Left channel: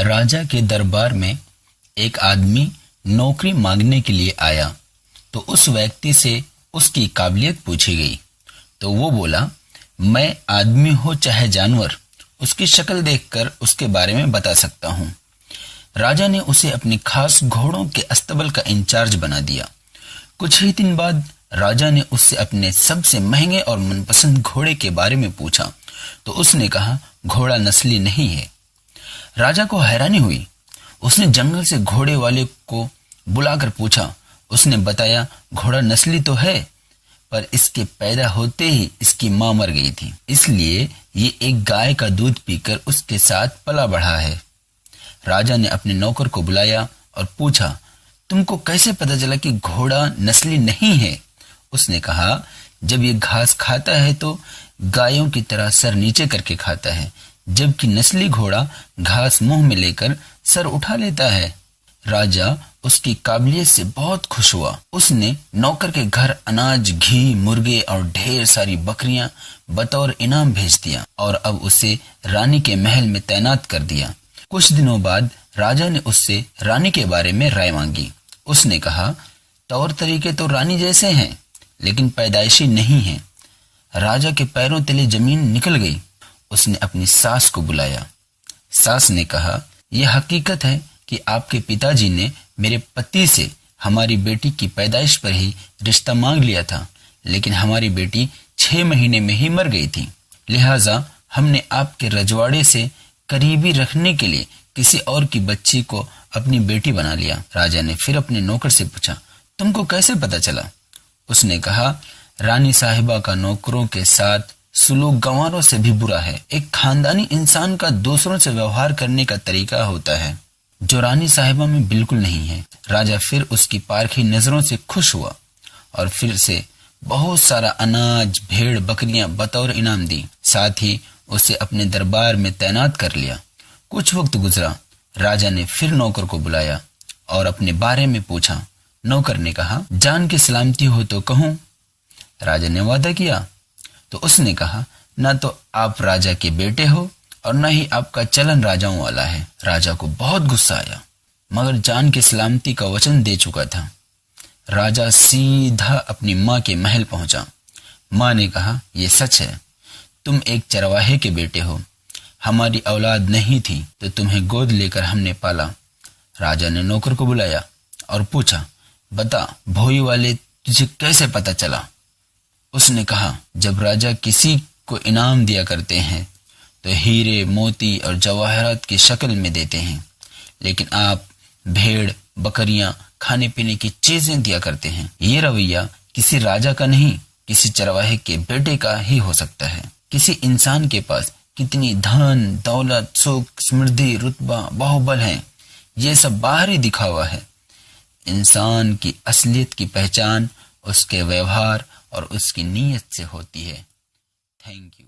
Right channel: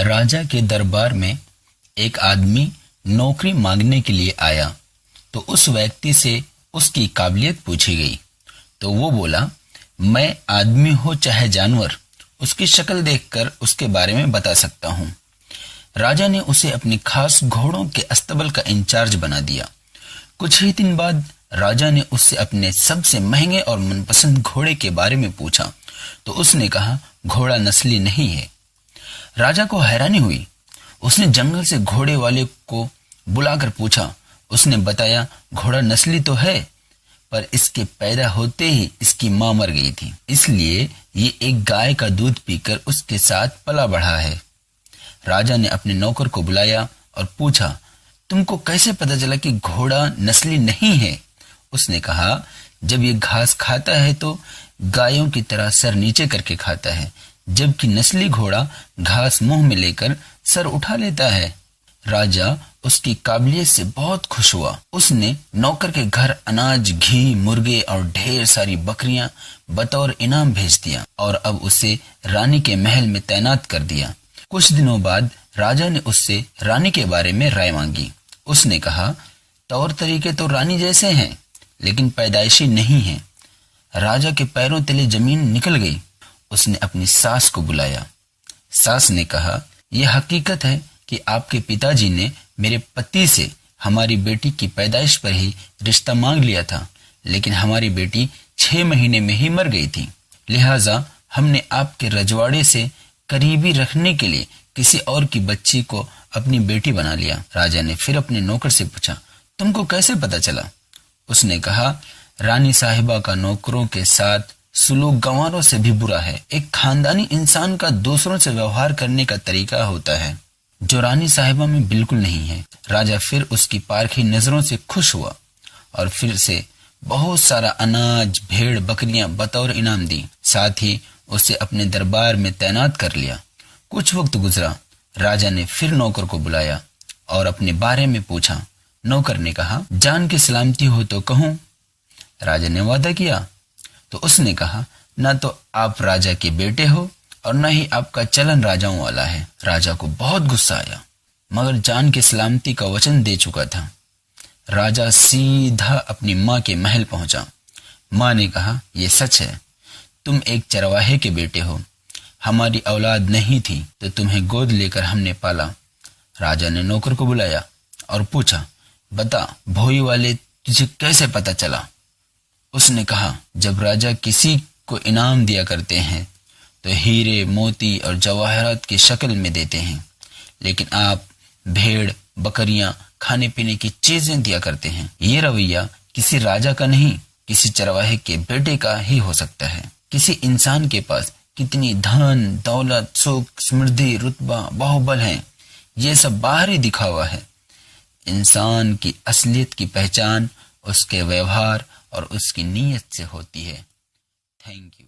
राजा के दरबार में एक आदमी नौकरी मांगने के लिए आया तो उस व्यक्ति से उसकी काबिलियत पूछी गई तो वो बोला, मैं आदमी हो चाहे जानवर, उसकी शक्ल देखकर उसके बारे में बता सकता हूँ। राजा ने उसे अपने खास घोड़ों के अस्तबल का इंचार्ज बना दिया। कुछ ही दिन बाद राजा ने उससे अपने सबसे महंगे और मनपसंद घोड़े के बारे में पूछा तो उसने कहा, घोड़ा नस्ली नहीं है। राजा को हैरानी हुई। उसने जंगल से घोड़े वाले को बुलाकर पूछा। उसने बताया, घोड़ा नस्ली तो है, पर इसके पैदा होते ही इसकी मां मर गई थी, इसलिए ये एक गाय का दूध पीकर उसके साथ पला बढ़ा है। राजा ने अपने नौकर को बुलाया और पूछा, तुमको कैसे पता चला कि घोड़ा नस्ली नहीं है? उसने कहा, जब ये घास खाता है तो गायों की तरह सर नीचे करके खाता है, जबकि नस्ली घोड़ा घास मुंह में लेकर सर उठा लेता है। राजा उसकी काबिलियत से बहुत खुश हुआ। उसने नौकर के घर अनाज, घी, मुर्गे और ढेर सारी बकरियां बतौर इनाम भेज दिया और अब उसे रानी के महल में तैनात कर दिया। कुछ दिनों बाद राजा ने उससे रानी के बारे में राय मांगी। उसने कहा, तौर तरीके तो रानी जैसे हैं, लेकिन पैदाइशी नहीं है। राजा के पैरों तले जमीन निकल गई। उसने अपनी सास को बुलाया। सास ने कहा, यह हकीकत है कि आपके पिताजी ने मेरे पति से हमारी बेटी की पैदाइश पर ही रिश्ता मांग लिया था, लेकिन हमारी बेटी 6 महीने में ही मर गई थी। लिहाजा हमने आपके रजवाड़े से करीबी रखने के लिए किसी और की बच्ची को अपनी बेटी बना लिया। राजा ने फिर अपने नौकर से पूछा, तुमको कैसे पता चला? उसने कहा, रानी साहिबा का नौकरों के साथ सुलूक गंवारों से भी बुरा है। एक खानदानी इंसान का दूसरों से व्यवहार करने का तरीका होता है जो रानी साहिबा में बिल्कुल नहीं है। राजा फिर उसकी पारखी नजरों से खुश हुआ और फिर से बहुत सारा अनाज, भेड़, बकरियां बतौर इनाम दी। साथ ही उसे अपने दरबार में तैनात कर लिया। कुछ वक्त गुजरा। राजा ने फिर नौकर को बुलाया और अपने बारे में पूछा। नौकर ने कहा, जान की सलामती हो तो कहूं। राजा ने वादा किया तो उसने कहा, ना तो आप राजा के बेटे हो और न ही आपका चलन राजाओं वाला है। राजा को बहुत गुस्सा आया, मगर जान की सलामती का वचन दे चुका था। राजा सीधा अपनी माँ के महल पहुंचा। माँ ने कहा, ये सच है, तुम एक चरवाहे के बेटे हो। हमारी औलाद नहीं थी तो तुम्हें गोद लेकर हमने पाला। राजा ने नौकर को बुलाया और पूछा, बता, भोई वाले तुझे कैसे पता चला? उसने कहा, जब राजा किसी को इनाम दिया करते हैं तो हीरे, मोती और जवाहरात की शक्ल में देते हैं, लेकिन आप भेड़, बकरियां, खाने पीने की चीजें दिया करते हैं। ये रवैया किसी राजा का नहीं, किसी चरवाहे के बेटे का ही हो सकता है। किसी इंसान के पास कितनी धन, दौलत, सुख, समृद्धि, रुतबा, बाहुबल है, ये सब बाहरी दिखावा है। इंसान की असलियत की पहचान उसके व्यवहार और उसकी नीयत से होती है। Thank you.